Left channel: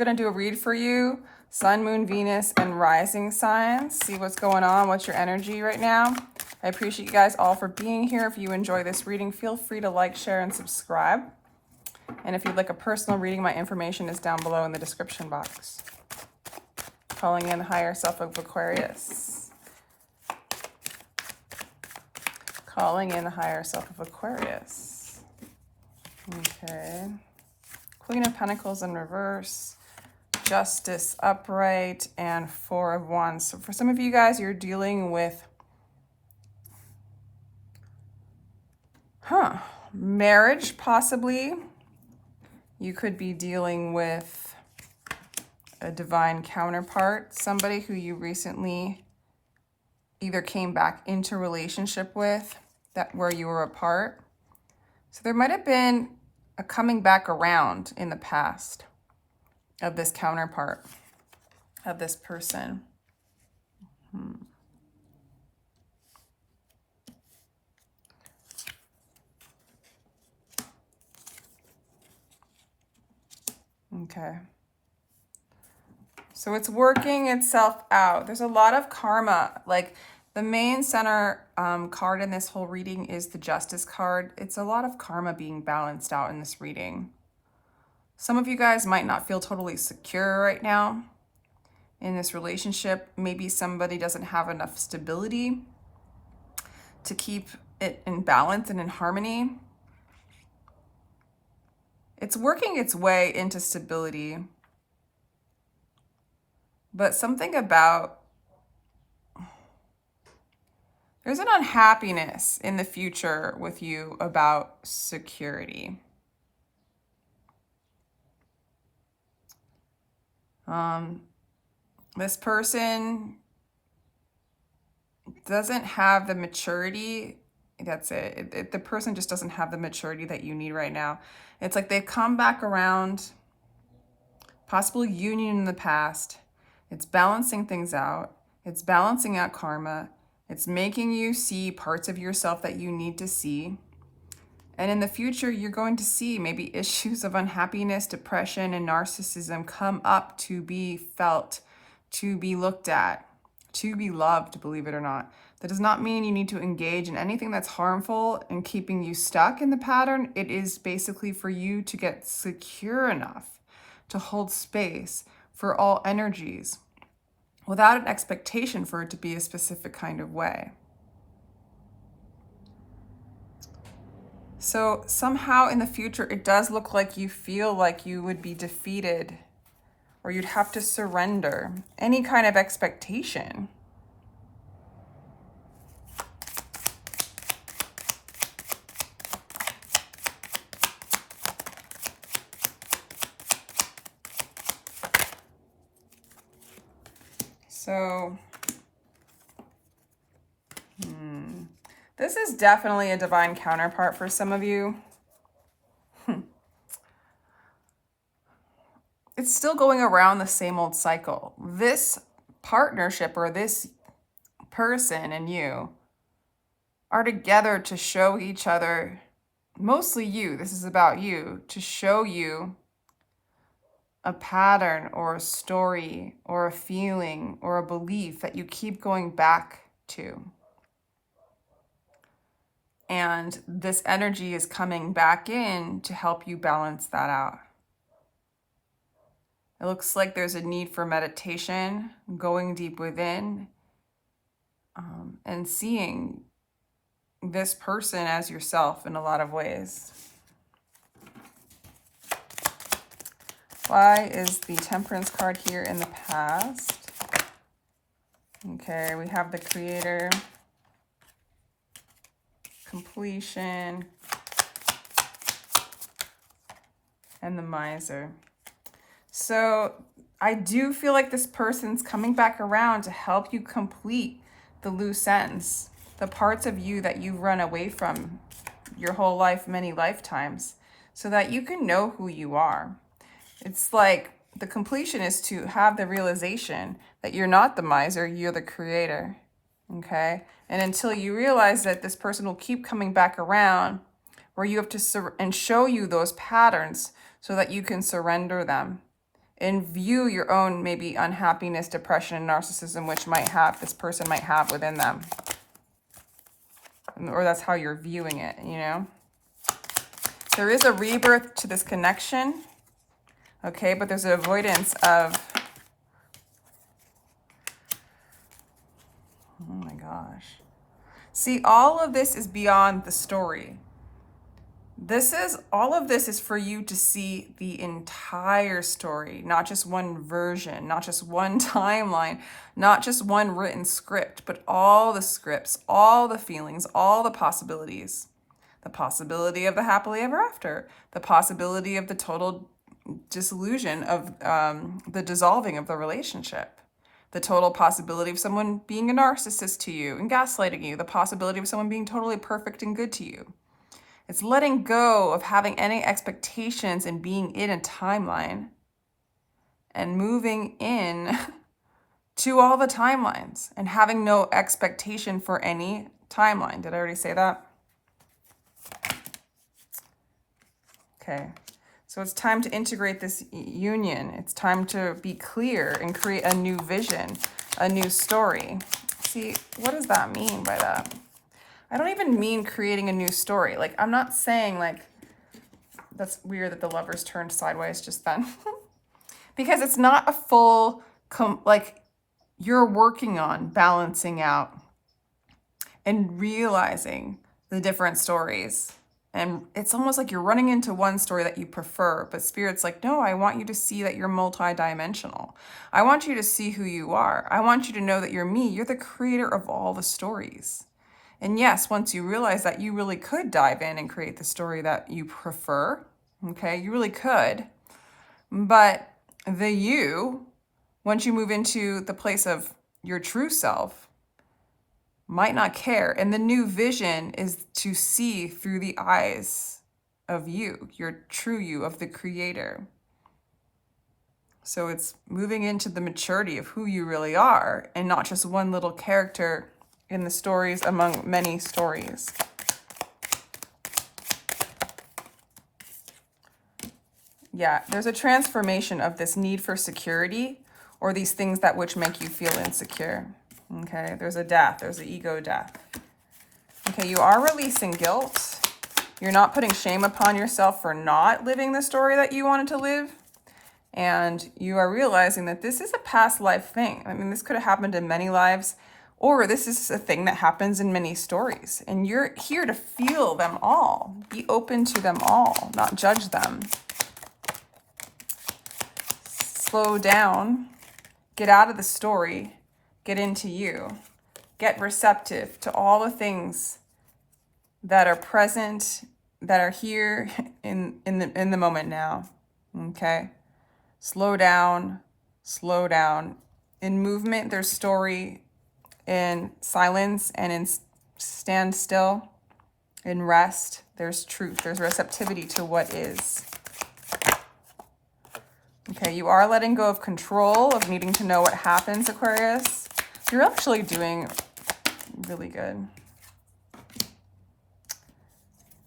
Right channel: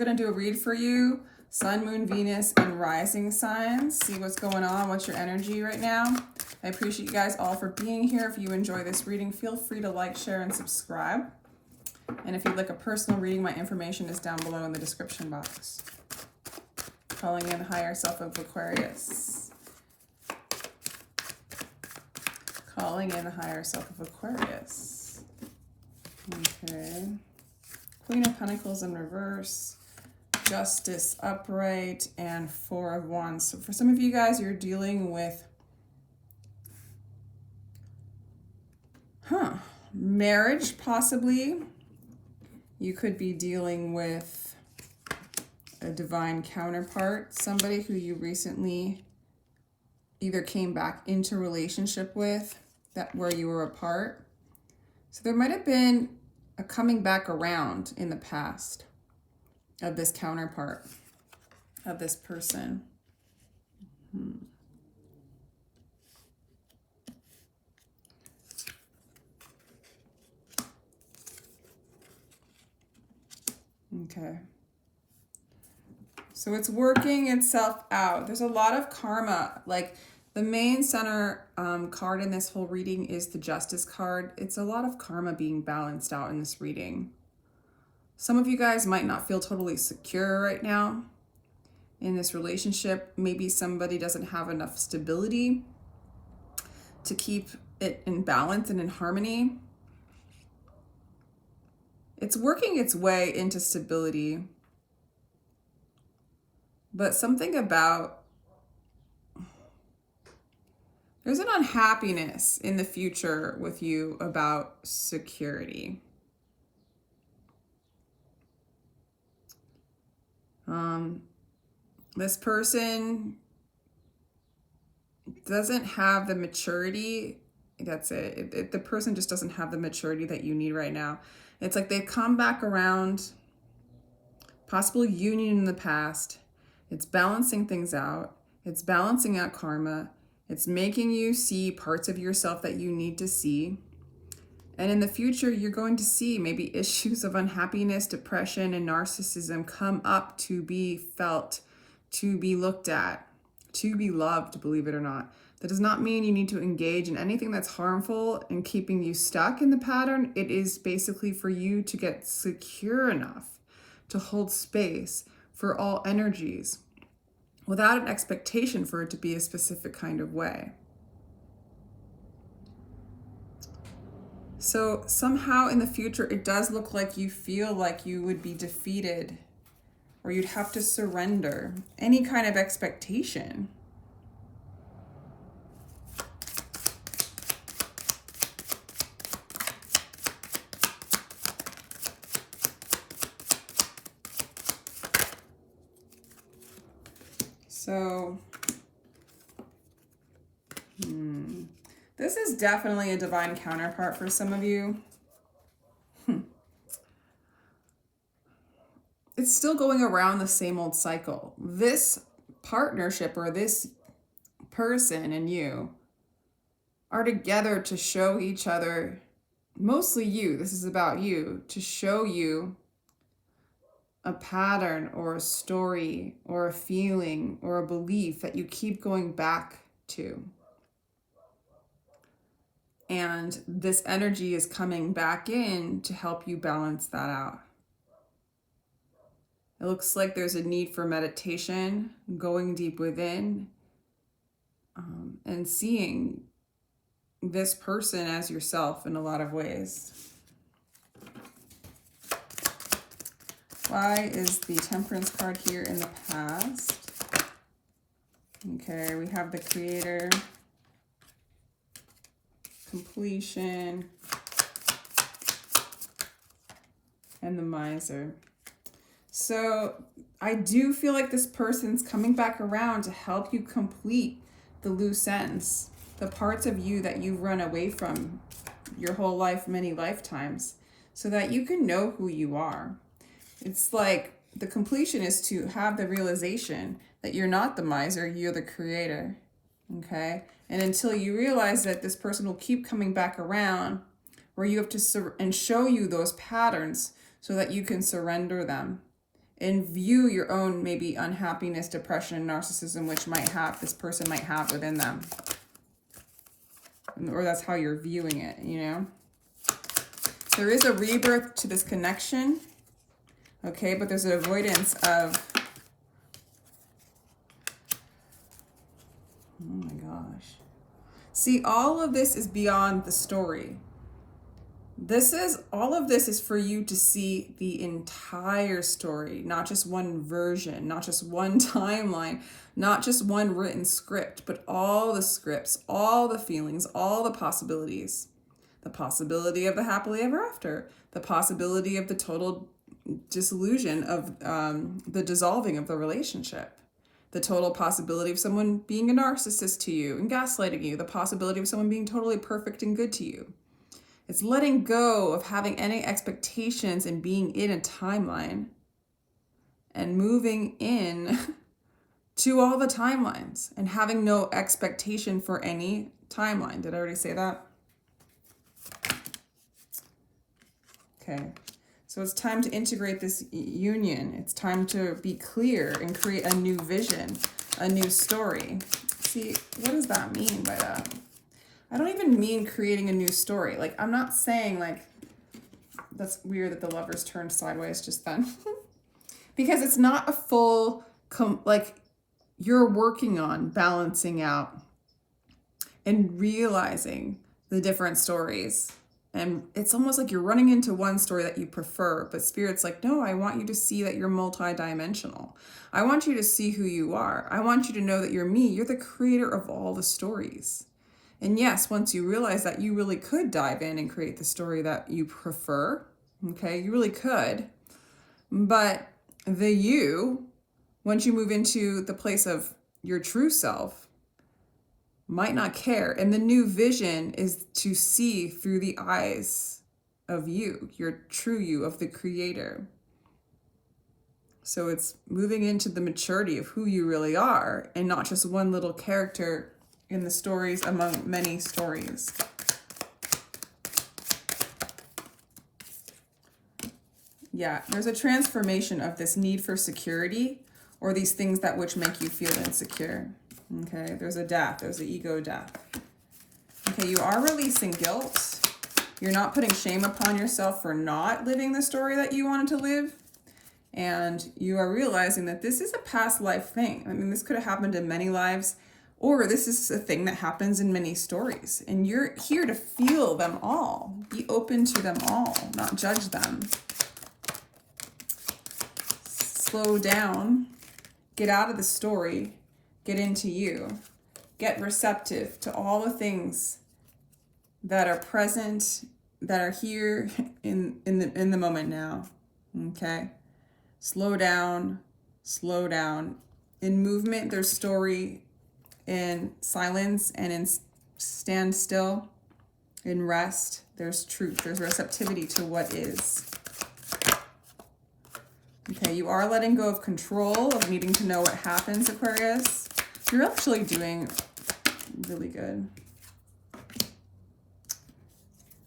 we're going to do a read for you. Sun, Moon, Venus, and Rising signs. See what's going on. What's your energy right now? I appreciate you guys all for being here. If you enjoy this reading, feel free to like, share, and subscribe. And if you'd like a personal reading, my information is down below in the description box. Calling in the higher self of Aquarius. Calling in the higher self of Aquarius. Okay. Queen of Pentacles in reverse. Justice upright, and Four of Wands. So for some of you guys, you're dealing with marriage, possibly. You could be dealing with a divine counterpart, somebody who you recently either came back into relationship with, that where you were apart. So there might have been a coming back around in the past of this counterpart, of this person. Okay. So it's working itself out. There's a lot of karma. Like the main center card in this whole reading is the Justice card. It's a lot of karma being balanced out in this reading. Some of you guys might not feel totally secure right now in this relationship. Maybe somebody doesn't have enough stability to keep it in balance and in harmony. It's working its way into stability. But something about, there's an unhappiness in the future with you about security. This person doesn't have the maturity. That's it. The person just doesn't have the maturity that you need right now. It's like they've come back around, possible union in the past. It's balancing things out. It's balancing out karma. It's making you see parts of yourself that you need to see. And in the future, you're going to see maybe issues of unhappiness, depression, and narcissism come up to be felt, to be looked at, to be loved, believe it or not. That does not mean you need to engage in anything that's harmful and keeping you stuck in the pattern. It is basically for you to get secure enough to hold space for all energies without an expectation for it to be a specific kind of way. So somehow in the future, it does look like you feel like you would be defeated or you'd have to surrender any kind of expectation. So, this is definitely a divine counterpart for some of you. It's still going around the same old cycle. This partnership or this person and you are together to show each other, mostly you, this is about you, to show you a pattern or a story or a feeling or a belief that you keep going back to. And this energy is coming back in to help you balance that out. It looks like there's a need for meditation, going deep within, and seeing this person as yourself in a lot of ways. Why is the Temperance card here in the past? Okay, we have the Creator, Completion, and the Miser. So I do feel like this person's coming back around to help you complete the loose ends, the parts of you that you've run away from your whole life, many lifetimes, so that you can know who you are. It's like the completion is to have the realization that you're not the miser, you're the creator, okay? And until you realize that this person will keep coming back around, where you have to and show you those patterns so that you can surrender them. and view your own maybe unhappiness, depression, and narcissism, which this person might have within them. Or that's how you're viewing it, you know? There is a rebirth to this connection, okay? But there's an avoidance of, oh my gosh. See, all of this is beyond the story. All of this is for you to see the entire story, not just one version, not just one timeline, not just one written script, but all the scripts, all the feelings, all the possibilities. The possibility of the happily ever after, the possibility of the total disillusion of the dissolving of the relationship, the total possibility of someone being a narcissist to you and gaslighting you, the possibility of someone being totally perfect and good to you. It's letting go of having any expectations and being in a timeline and moving in to all the timelines and having no expectation for any timeline. Did I already say that? Okay, so it's time to integrate this union. It's time to be clear and create a new vision, a new story. See, what does that mean by that? I don't even mean creating a new story. Like, I'm not saying like, that's weird that the Lovers turned sideways just then. Because it's not a full, like, you're working on balancing out and realizing the different stories. And it's almost like you're running into one story that you prefer, but Spirit's like, no, I want you to see that you're multidimensional. I want you to see who you are. I want you to know that you're me. You're the creator of all the stories. And yes, once you realize that, you really could dive in and create the story that you prefer. Okay, you really could. But the you, once you move into the place of your true self, might not care. And the new vision is to see through the eyes of you, your true you, of the creator. So it's moving into the maturity of who you really are and not just one little character in the stories among many stories. Yeah, there's a transformation of this need for security or these things that which make you feel insecure. Okay, there's a death, there's an ego death. Okay, you are releasing guilt. You're not putting shame upon yourself for not living the story that you wanted to live. And you are realizing that this is a past life thing. I mean, this could have happened in many lives, or this is a thing that happens in many stories. And you're here to feel them all. Be open to them all, not judge them. Slow down. Get out of the story. Get into you. Get receptive to all the things that are present, that are here in the moment now. Okay? Slow down. Slow down. In movement, there's story. In silence and in stand still, in rest, there's truth. There's receptivity to what is. Okay, you are letting go of control, of needing to know what happens, Aquarius. You're actually doing really good.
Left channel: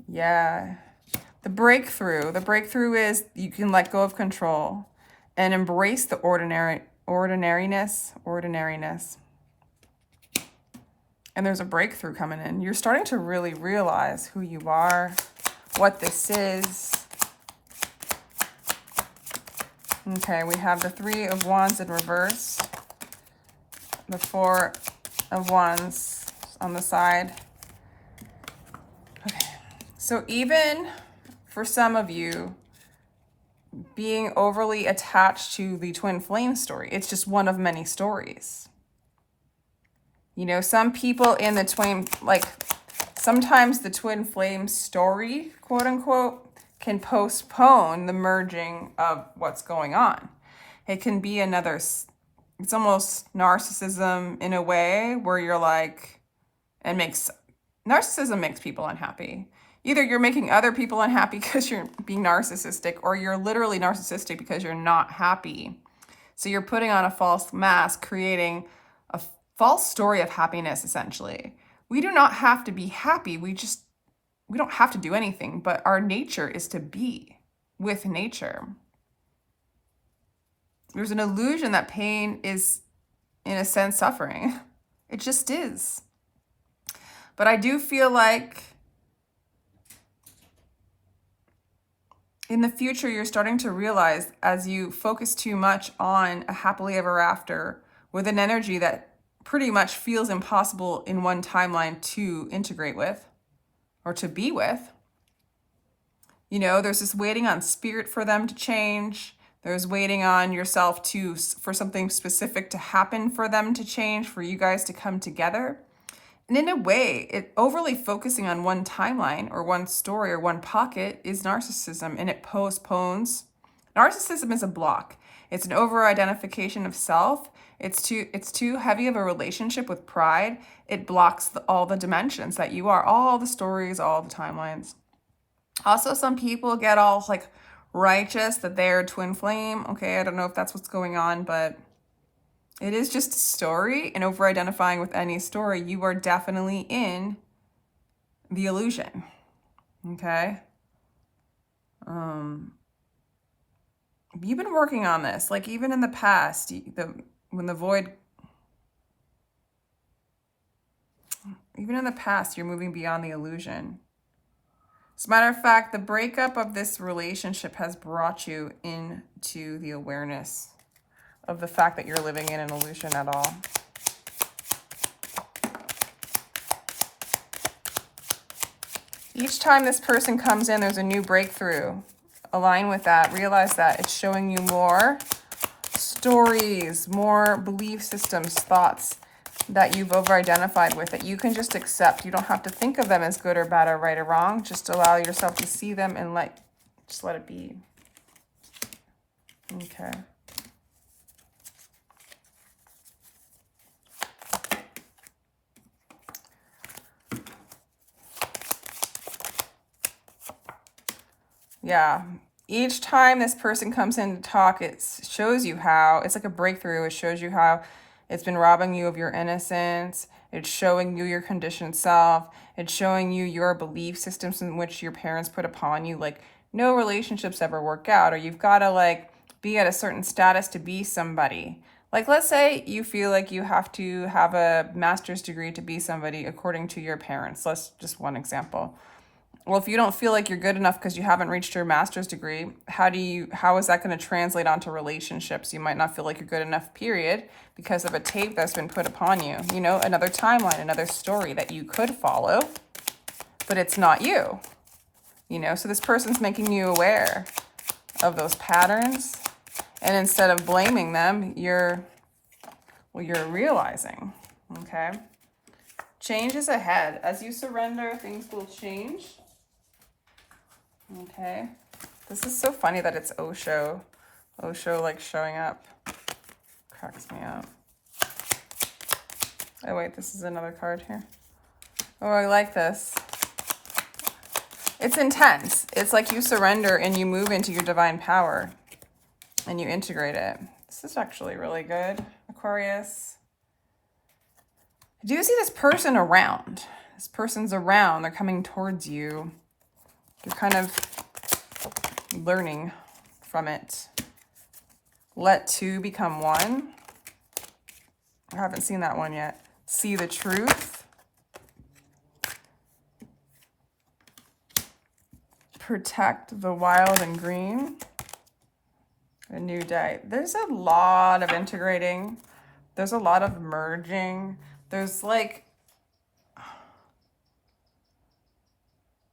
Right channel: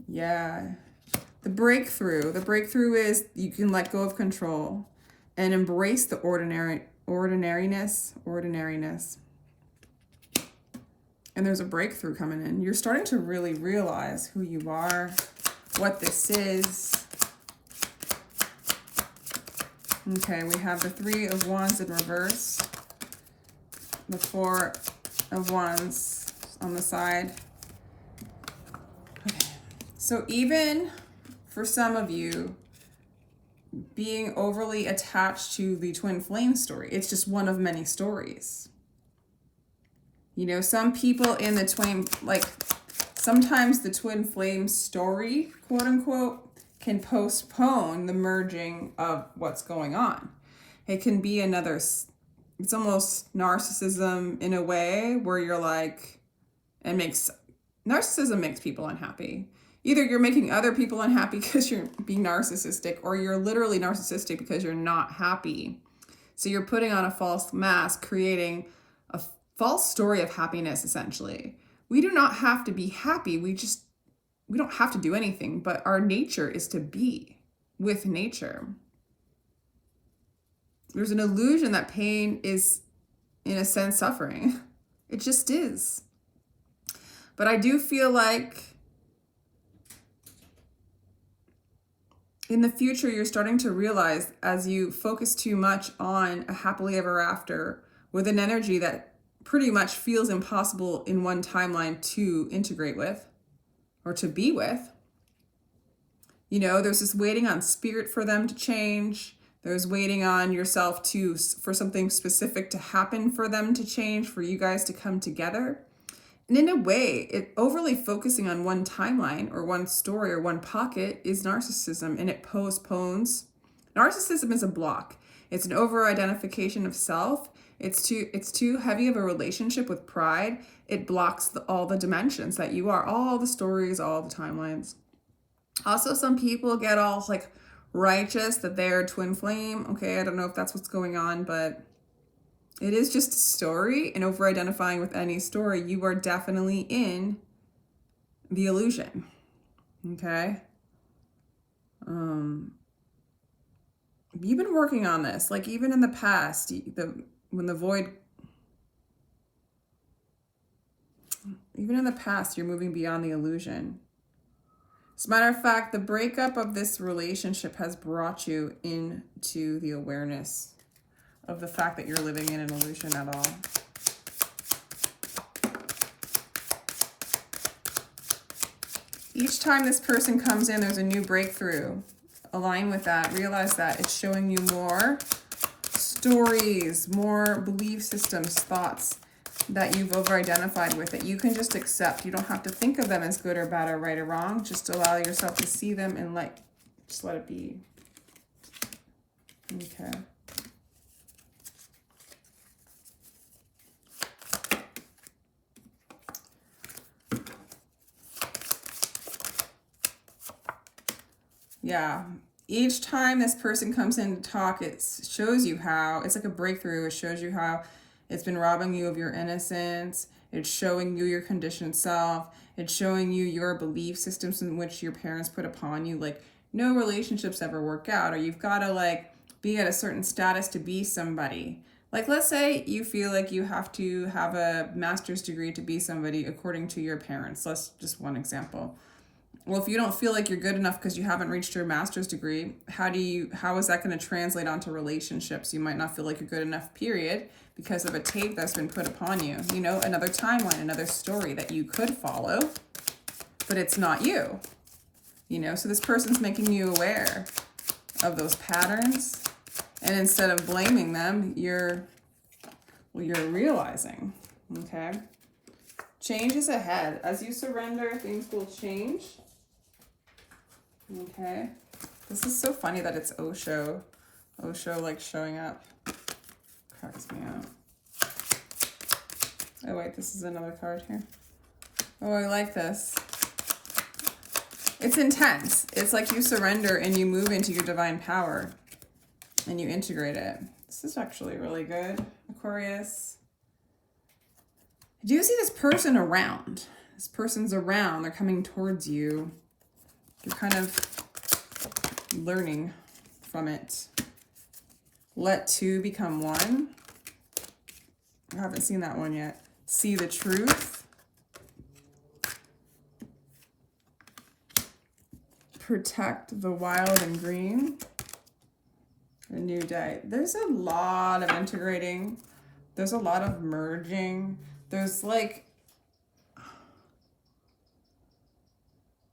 Yeah. The breakthrough is you can let go of control and embrace the ordinariness. And there's a breakthrough coming in. You're starting to really realize who you are, what this is. Okay, we have the 3 of Wands in reverse, the 4 of Wands on the side. Okay, so even for some of you, being overly attached to the twin flame story, it's just one of many stories. You know, some people in the twin, like sometimes the twin flame story, quote unquote, can postpone the merging of what's going on. It can be another, it's almost narcissism in a way where you're like, narcissism makes people unhappy. Either you're making other people unhappy because you're being narcissistic, or you're literally narcissistic because you're not happy. So you're putting on a false mask, creating a false story of happiness, essentially. We do not have to be happy. We don't have to do anything, but our nature is to be with nature. There's an illusion that pain is, in a sense, suffering. It just is. But I do feel like in the future, you're starting to realize, as you focus too much on a happily ever after with an energy that pretty much feels impossible in one timeline to integrate with or to be with. You know, there's this waiting on spirit for them to change. There's waiting on yourself for something specific to happen for them to change, for you guys to come together. And in a way, overly focusing on one timeline or one story or one pocket is narcissism, and it postpones. Narcissism is a block. It's an over-identification of self. It's too heavy of a relationship with pride. It blocks all the dimensions that you are, all the stories, all the timelines. Also, some people get all like righteous that they're twin flame. Okay, I don't know if that's what's going on, but it is just a story, and over-identifying with any story, you are definitely in the illusion, okay? You've been working on this, like even in the past, when the void, even in the past, you're moving beyond the illusion. As a matter of fact, the breakup of this relationship has brought you into the awareness of the fact that you're living in an illusion at all. Each time this person comes in, there's a new breakthrough. Align with that. Realize that it's showing you more stories, more belief systems, thoughts that you've over-identified with, that you can just accept. You don't have to think of them as good or bad or right or wrong. Just allow yourself to see them and just let it be. Okay. Yeah. Each time this person comes in to talk, it shows you how, it's like a breakthrough. It shows you how it's been robbing you of your innocence. It's showing you your conditioned self. It's showing you your belief systems in which your parents put upon you. Like, no relationships ever work out, or you've got to like be at a certain status to be somebody. Like, let's say you feel like you have to have a master's degree to be somebody according to your parents. That's just one example. Well, if you don't feel like you're good enough because you haven't reached your master's degree, how is that going to translate onto relationships? You might not feel like you're good enough, period, because of a tape that's been put upon you. You know, another timeline, another story that you could follow, but it's not you. You know, so this person's making you aware of those patterns, and instead of blaming them, you're realizing, okay? Change is ahead. As you surrender, things will change. Okay. This is so funny that it's Osho. Osho like showing up. Cracks me up. Oh wait, this is another card here. Oh, I like this. It's intense. It's like you surrender and you move into your divine power and you integrate it. This is actually really good, Aquarius. I do see this person around. This person's around. They're coming towards you. You're kind of learning from it. Let two become one. I haven't seen that one yet. See the truth. Protect the wild and green. A new day. There's a lot of integrating. There's a lot of merging. There's like,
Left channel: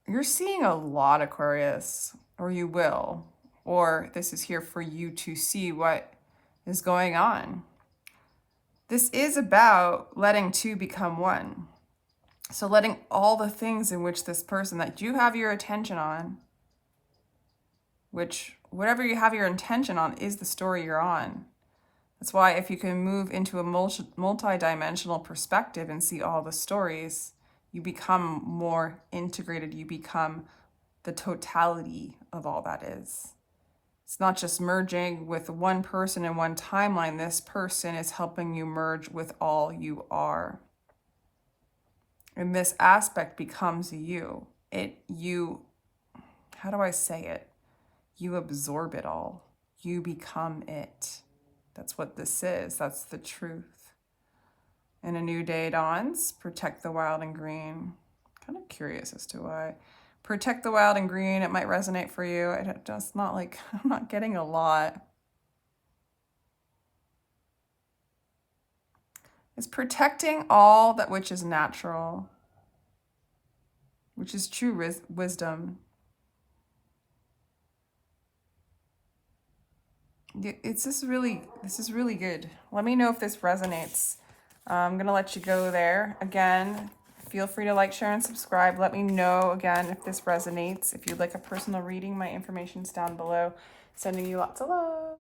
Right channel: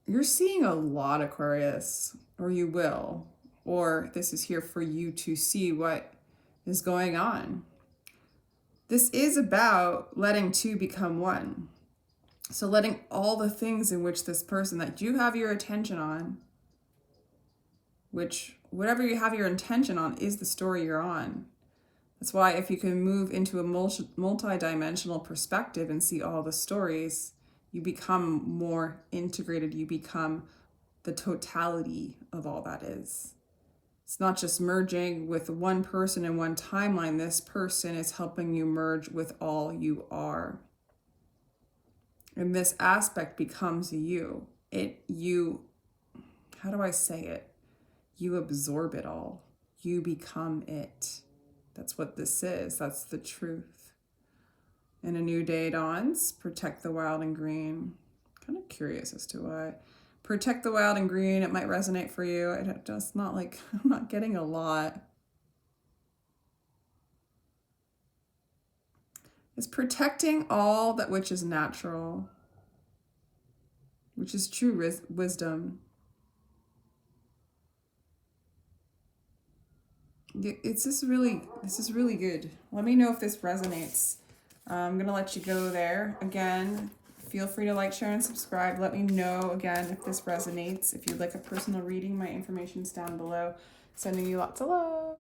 you're seeing a lot, Aquarius, or you will, or this is here for you to see what is going on. This is about letting two become one. So letting all the things in which this person that you have your attention on, which whatever you have your intention on is the story you're on. That's why if you can move into a multi-dimensional perspective and see all the stories, you become more integrated. You become the totality of all that is. It's not just merging with one person in one timeline. This person is helping you merge with all you are. And this aspect becomes you. How do I say it? You absorb it all. You become it. That's what this is. That's the truth. And a new day dawns. Protect the wild and green. Kind of curious as to why. Protect the wild and green. It might resonate for you. It's not like, I'm not getting a lot. It's protecting all that which is natural, which is true wisdom. This is really good. Let me know if this resonates. I'm gonna let you go there. Again, feel free to like, share, and subscribe. Let me know again if this resonates. If you'd like a personal reading, my information's down below. Sending you lots of love.